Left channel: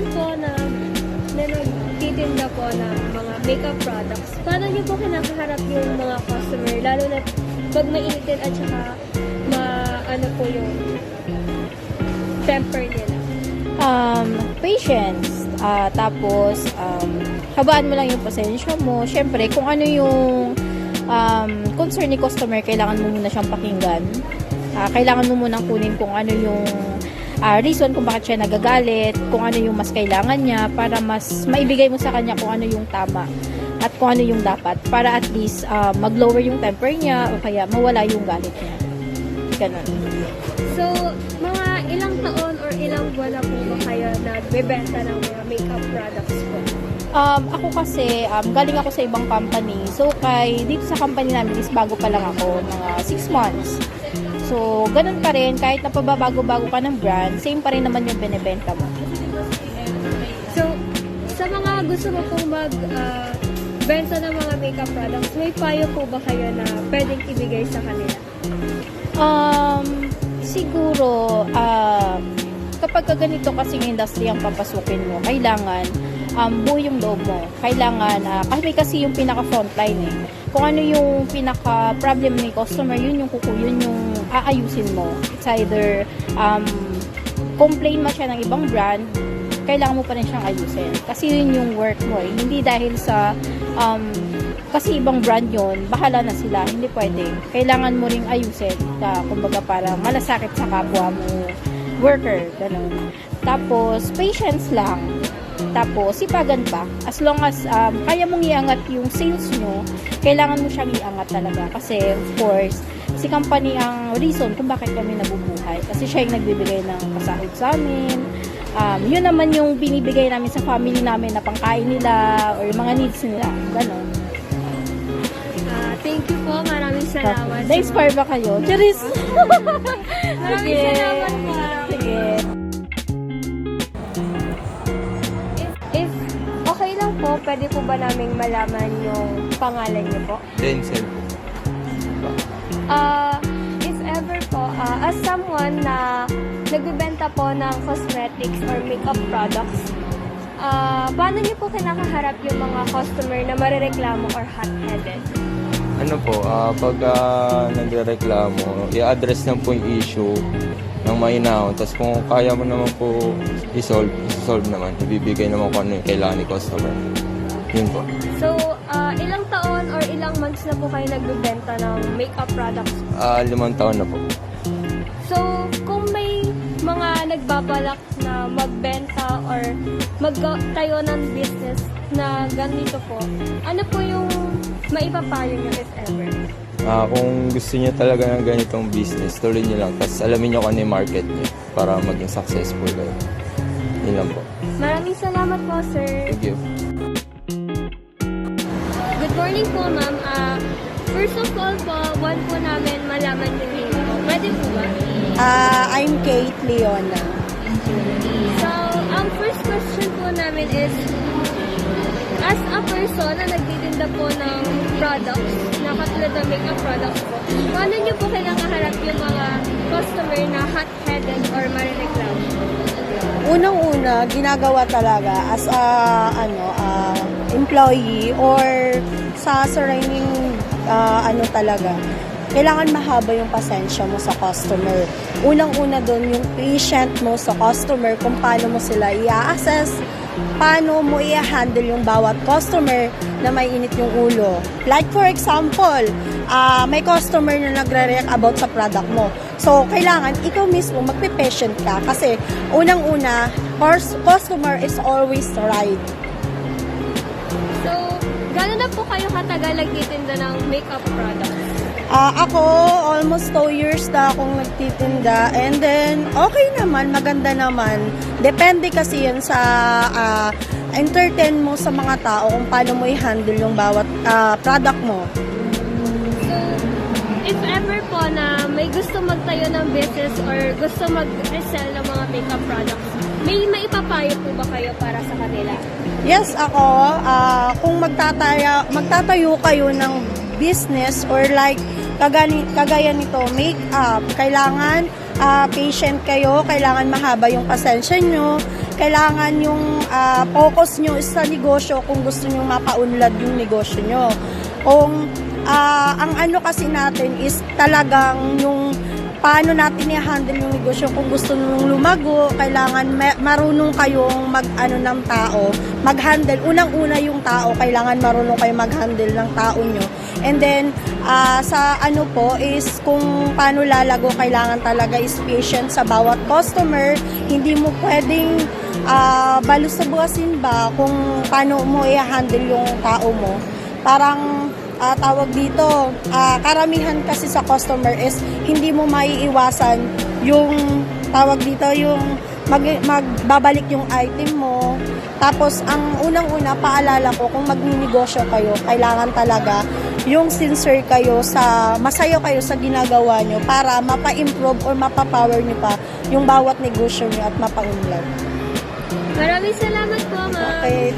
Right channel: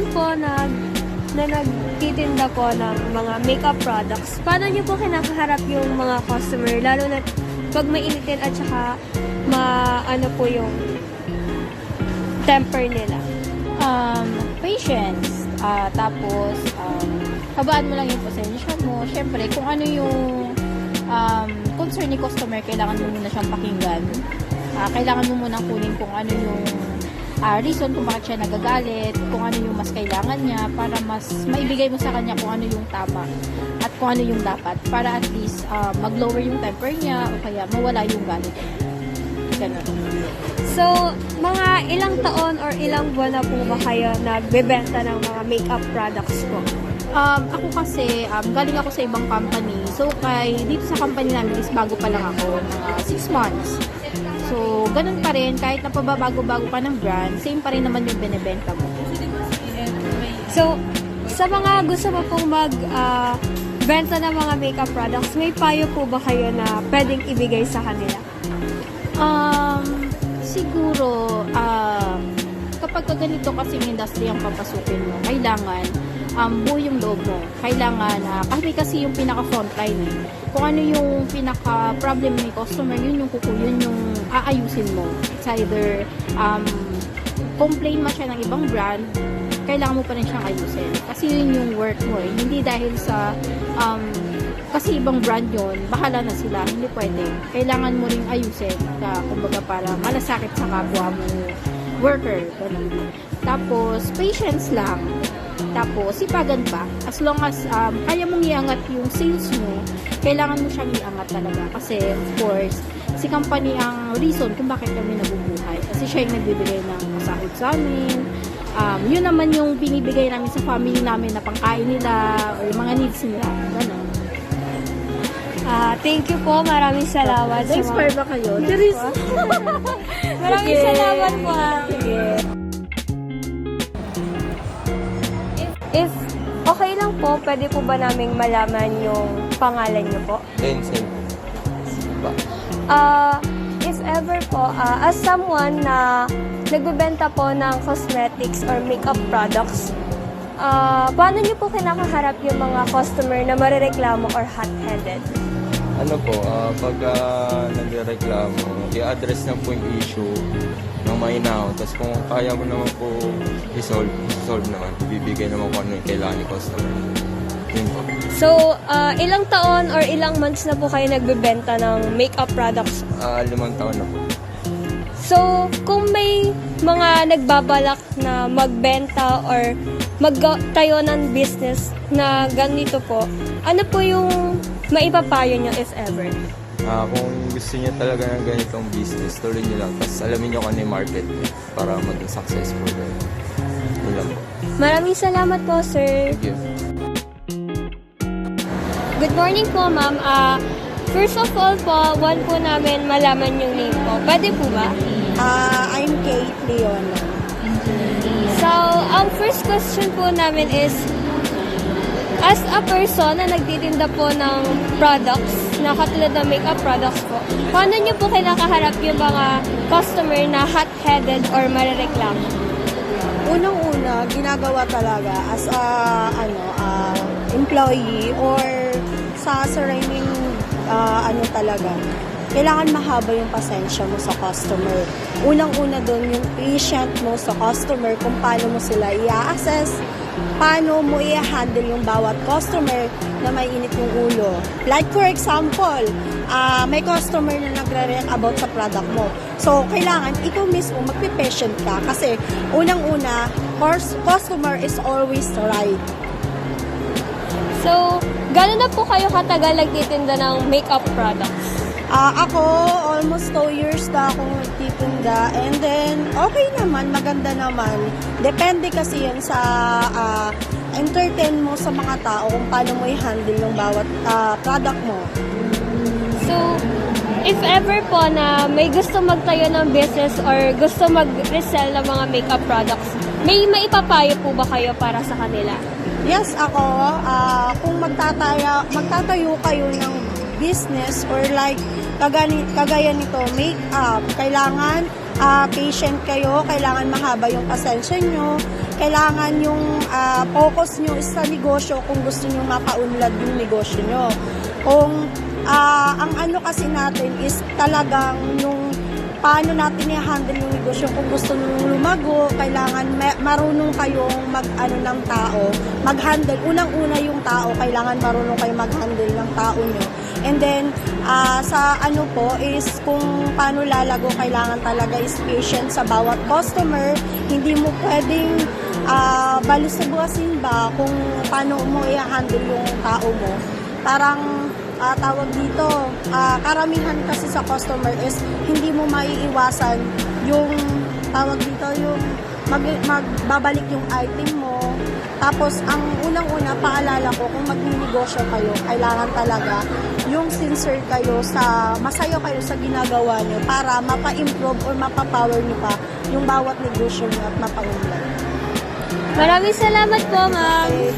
naman po na nagtitinda po ng mga makeup products, paano niyo po kinakaharap yung mga customer, lalo na pag mainitin at saka ano po yung temper nila? Patience. Tapos, habaan mo lang yung pasensya mo. Siyempre, kung ano yung concern ni customer, kailangan mo muna siyang pakinggan. Kailangan mo munang kunin kung ano yung reason kung bakit siya nagagalit, kung ano yung mas kailangan niya, para mas maibigay mo sa kanya kung ano yung tama at kung ano yung dapat, para at least mag-lower yung temper niya o kaya mawala yung galit niya. Ganun. So, mga ilang taon or ilang buwan na po ba kayo nagbebenta ng mga makeup products po? Ako kasi, galing ako sa ibang company. So, dito sa company namin is bago pa lang ako, mga 6 months. So, ganun pa rin, kahit napababago-bago ka ng brand, same pa rin naman yung binibenta mo. So, sa mga gusto mo pong benta ng mga makeup products, may payo po ba kayo na pwedeng ibigay sa kanila? Siguro, kapag ganito kasi yung industry ang papasukin mo, kailangan buo yung loob mo. Kailangan, kasi yung pinaka-frontline eh. Kung ano yung pinaka-problem ni customer, yun yung aayusin mo. It's either, complain mo siya ng ibang brand, kailangan mo pa rin siyang ayusin. Kasi yun yung work mo. Hindi dahil sa, kasi ibang brand yun, bahala na sila. Hindi pwede. Kailangan mo ring ayusin. Kumbaga para malasakit sa kapwa mo worker. Ganun. Tapos, patience lang. Tapos, sipagan pa. As long as kaya mong iangat yung sales mo, kailangan mo siyang iangat talaga. Kasi, of course, si company ang reason kung bakit kami nabubuhay. Kasi siya yung nagbibigay ng kasahod sa amin. Yun naman yung binibigay namin sa family namin na pangkain nila or yung mga needs nila. Ganun. Thank you po. Maraming salamat. Na-inspire ba kayo? Charis! Maraming salamat po. Sige. If okay lang po, pwede po ba naming malaman yung pangalan niyo po? Denzel po. If ever po, as someone na nagbebenta po ng cosmetics or makeup products, paano niyo po kinakaharap yung mga customer na marereklamo or hot-headed? Ano po, pag nagreklamo, i-address na po yung issue ng mainaw. Tapos kung kaya mo naman po i-solve naman. Ibibigay naman kung ano yung kailangan ni customer. Yun po. So, ilang taon or ilang months na po kayo nagbebenta ng makeup products? 5 taon na po. So, kung may mga nagbabalak na magbenta or magtayo ng business na ganito po, ano po yung maipapayo nyo if ever? Kung gusto niyo talaga ng ganitong business, tuloy niyo lang. Tapos alamin niyo kung ano yung market niyo para maging successful kayo. Yun lang po. Maraming salamat po, sir. Thank you. Good morning po, ma'am. First of all po, want po namin malaman yung name po. Pwede po ba? I'm Kate Leona. So, ang first question po namin is, as a person na nagtitinda po ng products, na katulad ng makeup products po, paano nyo po kinakaharap yung mga customer na hot-headed or marireklamo? Unang-una, ginagawa talaga as a employee or sa surrounding talaga. Kailangan mahaba yung pasensya mo sa customer. Unang-una doon yung patient mo sa customer kung paano mo sila i-assess, paano mo i-handle yung bawat customer na may init yung ulo. Like for example, may customer na nagre-react about sa product mo. So, kailangan ikaw mismo magpe-patient ka kasi unang-una, customer is always right. So, gano'n na po kayo katagal nagtitinda ng makeup products? Ako, almost 2 years na akong nagtitinda. And then, okay naman, maganda naman. Depende kasi yan sa entertain mo sa mga tao kung paano mo i-handle yung bawat product mo. So, if ever po na may gusto magtayo ng business or gusto mag-resell ng mga makeup products, may maipapayo po ba kayo para sa kanila? Yes, ako, kung magtatayo kayo ng business or like kagaya nito, makeup, kailangan patient kayo, kailangan mahaba yung pasensya nyo, kailangan yung focus nyo is sa negosyo kung gusto nyo mapaunlad yung negosyo nyo. Kung ang ano kasi natin is talagang yung paano natin i-handle yung negosyo. Kung gusto nyo lumago, kailangan marunong kayong ng tao, mag-handle. Unang-una yung tao, kailangan marunong kayong mag-handle ng tao nyo. And then, sa ano po is kung paano lalago, kailangan talaga is patient sa bawat customer. Hindi mo pwedeng balusabuasin ba kung paano mo i-handle yung tao mo. Parang tawag dito, karamihan kasi sa customer is hindi mo maiiwasan yung tawag dito, yung magbabalik yung item mo. Tapos, ang unang-una, paalala ko, kung magninegosyo kayo, kailangan talaga yung sincere kayo masaya kayo sa ginagawa nyo para mapa-improve or mapa-power nyo pa yung bawat negosyo nyo at mapa-unlad. Maraming salamat po, ma'am. Okay,